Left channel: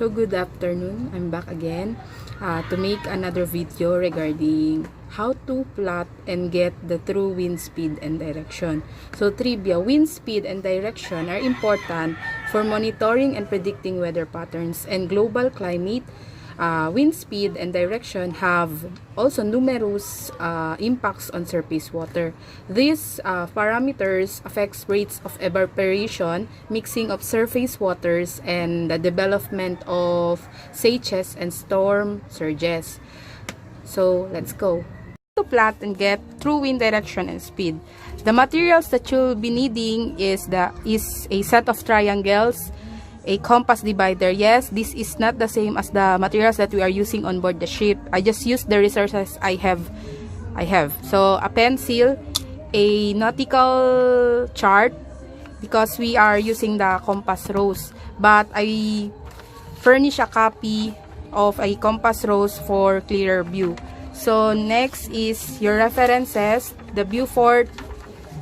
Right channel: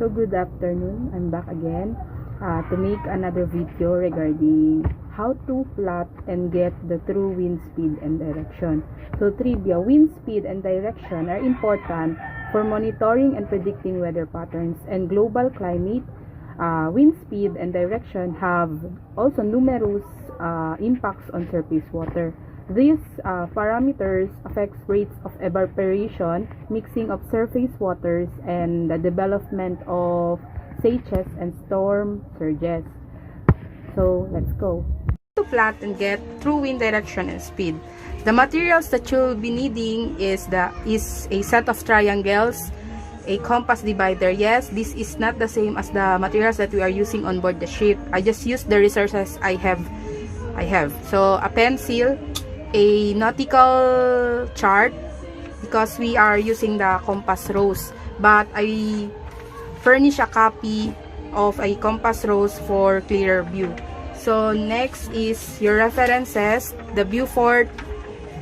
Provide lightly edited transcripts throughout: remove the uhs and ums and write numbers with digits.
So good afternoon, I'm back again to make another video regarding how to plot and get the true wind speed and direction. So trivia, wind speed and direction are important for monitoring and predicting weather patterns and global climate. Wind speed and direction have also numerous impacts on surface water. These parameters affects rates of evaporation, mixing of surface waters, and the development of seiches and storm surges. So let's go. To plot and get true wind direction and speed, the materials that you'll be needing is a set of triangles, a compass divider. Yes, this is not the same as the materials that we are using on board the ship. I just use the resources I have. So a pencil, a nautical chart, because we are using the compass rose, but I furnish a copy of a compass rose for clearer view. So next is your references, the Beaufort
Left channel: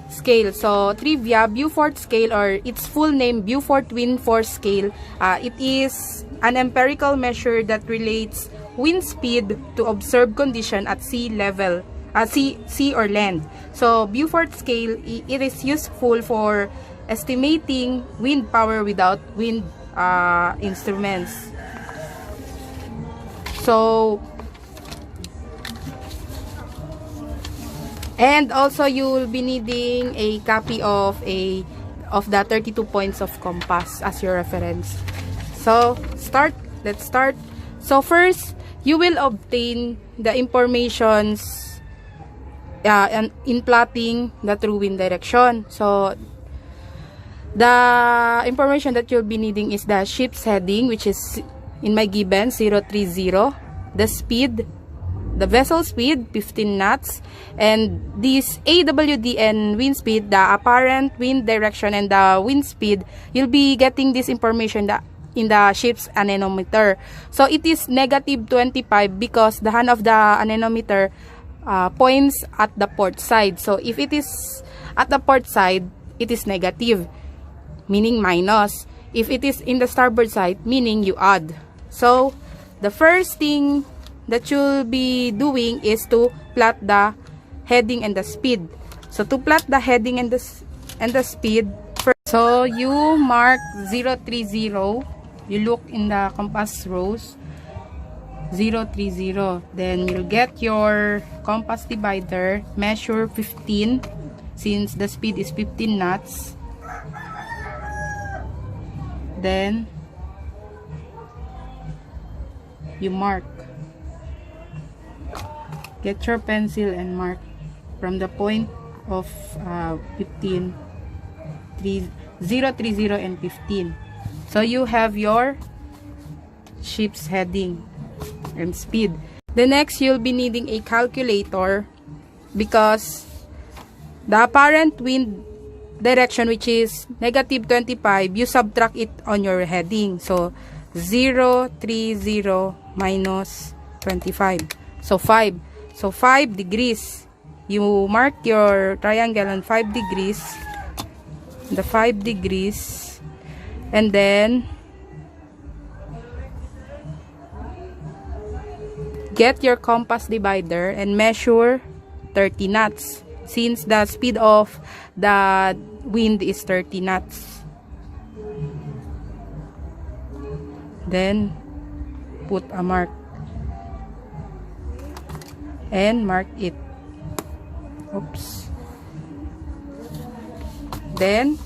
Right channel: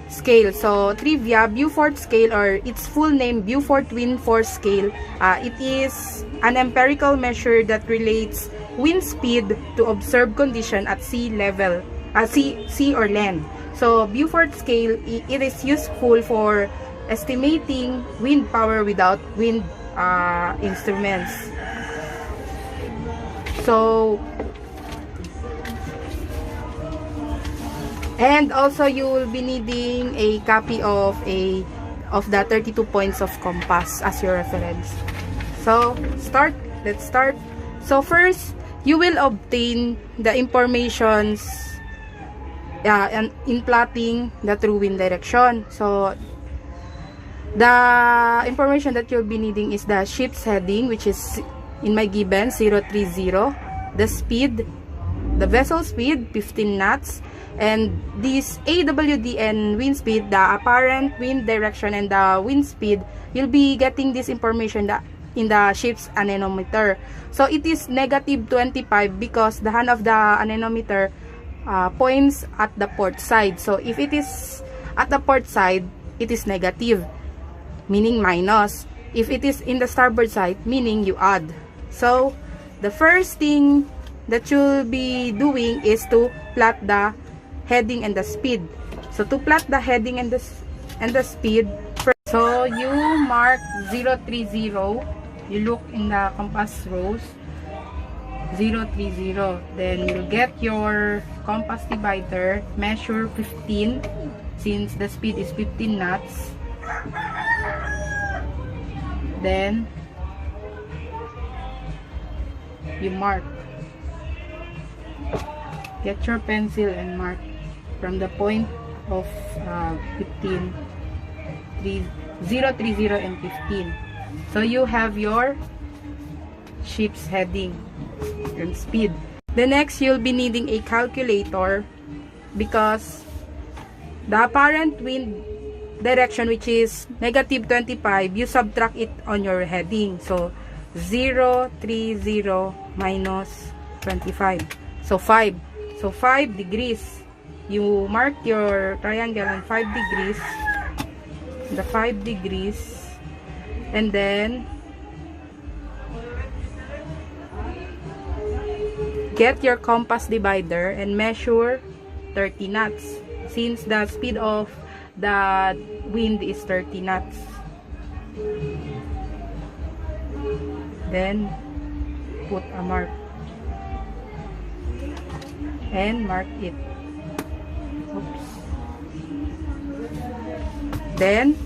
scale. So trivia, Beaufort scale, or its full name Beaufort Wind Force Scale, it is an empirical measure that relates wind speed to observed condition at sea level, sea or land. So Beaufort scale, it is useful for estimating wind power without wind instruments. So and also you will be needing a copy of the 32 points of compass as your reference. So let's start. So first, you will obtain the informations and in plotting the true wind direction. So the information that you'll be needing is the ship's heading, which is in my given 030, the speed, the vessel speed 15 knots, and this AWD and wind speed, the apparent wind direction and the wind speed, you'll be getting this information in the ship's anemometer. So it is -25 because the hand of the anemometer points at the port side. So if it is at the port side, it is negative, meaning minus. If it is in the starboard side, meaning you add. So the first thing that you'll be doing is to plot the heading and the speed. So to plot the heading and the speed, so you mark 030. You look in the compass rose 030. Then you'll get your compass divider, measure 15 since the speed is 15 knots. Then you mark. Get your pencil and mark from the point of 15, 030 and 15. So you have your ship's heading and speed. The next, you'll be needing a calculator because the apparent wind direction, which is -25, you subtract it on your heading. So 030 minus 25. So 5. So 5 degrees. You mark your triangle on 5 degrees. The 5 degrees. And then get your compass divider and measure 30 knots. Since the speed of the wind is 30 knots. Then put a mark. And mark it. Oops. Then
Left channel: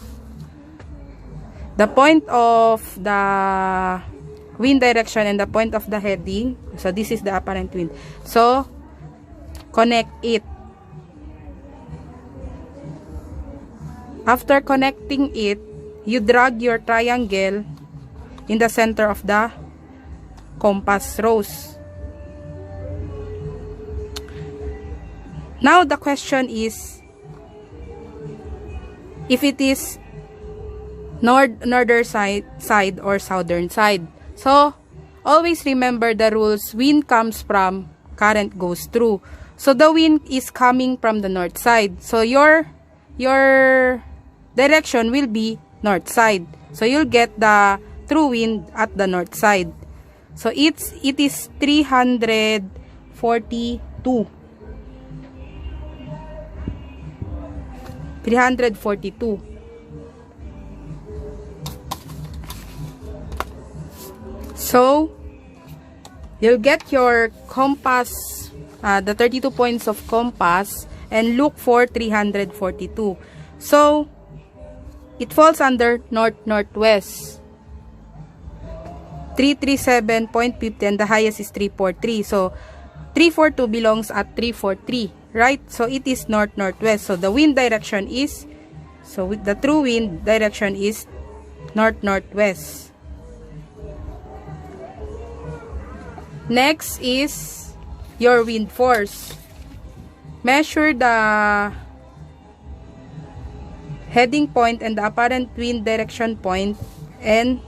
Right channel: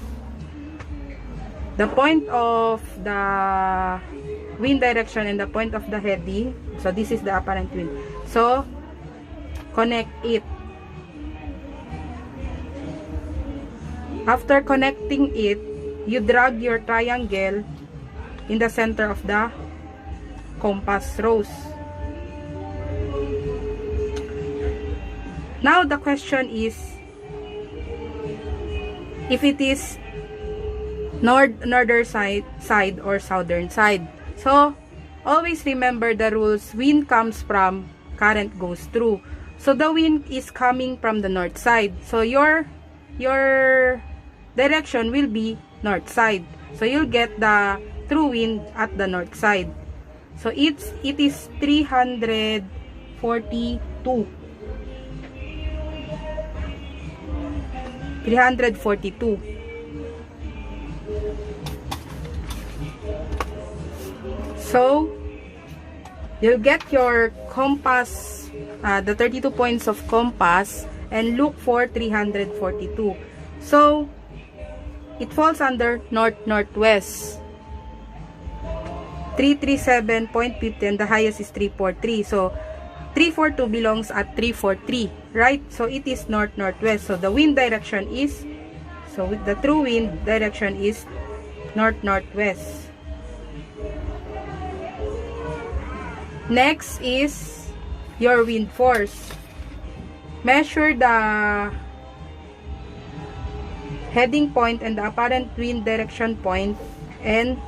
the point of the wind direction and the point of the heading, so this is the apparent wind, so connect it. After connecting it, you drag your triangle in the center of the compass rose. Now the question is if it is northern side or southern side. So always remember the rules. Wind comes from, current goes through. So the wind is coming from the north side. So your direction will be north side. So you'll get the true wind at the north side. So it is 342. 342. So you'll get your compass, the 32 points of compass, and look for 342. So it falls under north-northwest. 337.50 and the highest is 343. So 342 belongs at 343, right? So it is north-northwest. So the wind direction is, so with the true wind direction is north-northwest. Next is your wind force. Measure the heading point and the apparent wind direction point and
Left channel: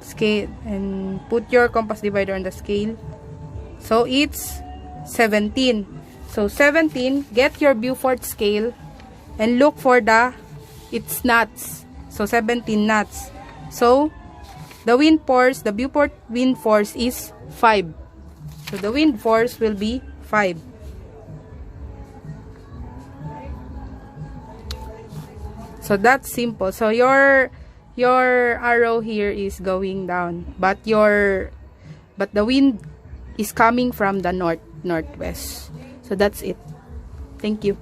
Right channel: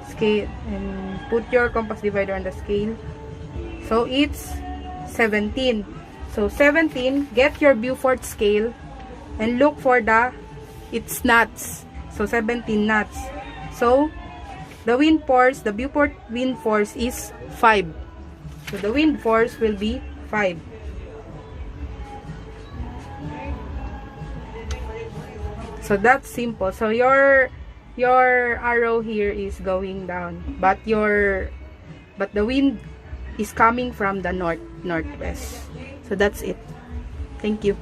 scale, and put your compass divider on the scale. So it's 17. So 17, get your Beaufort scale and look for its knots. So 17 knots. So the wind force, the Beaufort wind force is 5. So the wind force will be 5. So that's simple. So your arrow here is going down, but the wind is coming from the northwest. So that's it. Thank you.